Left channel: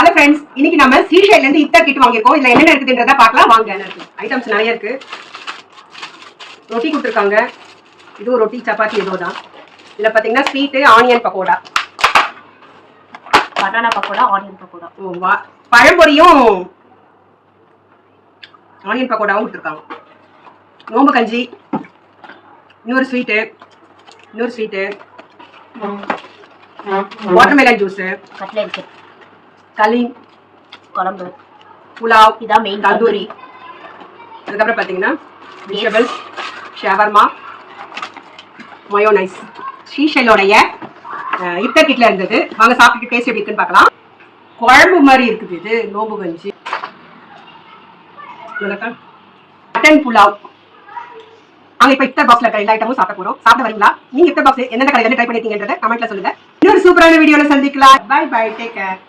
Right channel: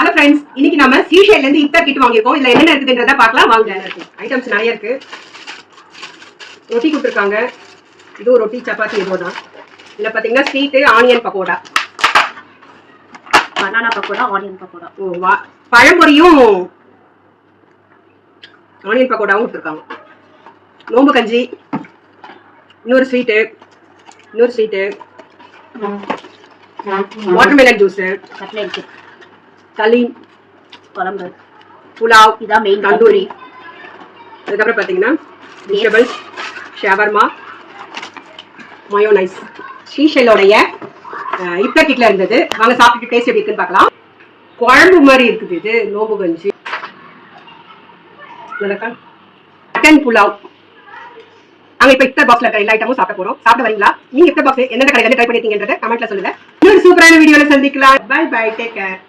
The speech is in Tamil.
ஹலோ ஃப்ரெண்ட்ஸ், இன்னைக்கு நம்ம ஸ்ரீஷைல இருந்து இஃப்தார் கிட் வாங்கியிருக்கோம். இதுல என்ன இருக்குன்றத பார்க்கலாம் வாங்க. ஐட்டம்ஸ் நிறைய இருக்கு. ரொட்டி கொடுத்துருக்காங்க. இது ஒரு ரொட்டி சப்பாத்தி ஏதோ தான். இதுல பாத்தீங்கன்னா sweet onion pakoda, banana pakoda, onion pakoda. ஓ வா, பழம்பொரியும் ஆனியன் பக்கோடாவும் கொடுத்துருக்காங்க. நோம்பு கஞ்சி, இன்னொரு ஸ்வீட்டு, வாட்டர்மெலன் ஜூஸ், கட்லெட், களி, குழம்பு, புலாவ், இதான் மெயின் தந்தூரி. அதுக்கப்புறம் பார்த்தீங்கன்னா வெஜிடபிள்ஸ், ஷவர்மா, மயோனைஸ். ஸ்ரீஷைலோடைய இஃப்தார் கிட்ல இருந்தது. வாங்க சாப்பிட்டு டேஸ்ட் எப்படி இருக்குன்னு பார்க்கலாம். குழம்பு மாதிரி இருக்குது இது. நோம்பு கஞ்சி, மட்டன் புலாவ். நாங்க இப்ப இஃப்தார் பாக்ஸ்ல இருக்கிற எல்லா ஐட்டமும் சாப்பிட போறோம். சாப்பிட வரீங்களா? நீங்க இஃப்தார் பாக்ஸ் எந்த கடையில ட்ரை பண்ணிருக்கீங்கன்றத கமெண்ட்ல சொல்லுங்க. இன்னொரு சூப்பரான வீடியோல சந்திக்கலாம். Bye bye, take care.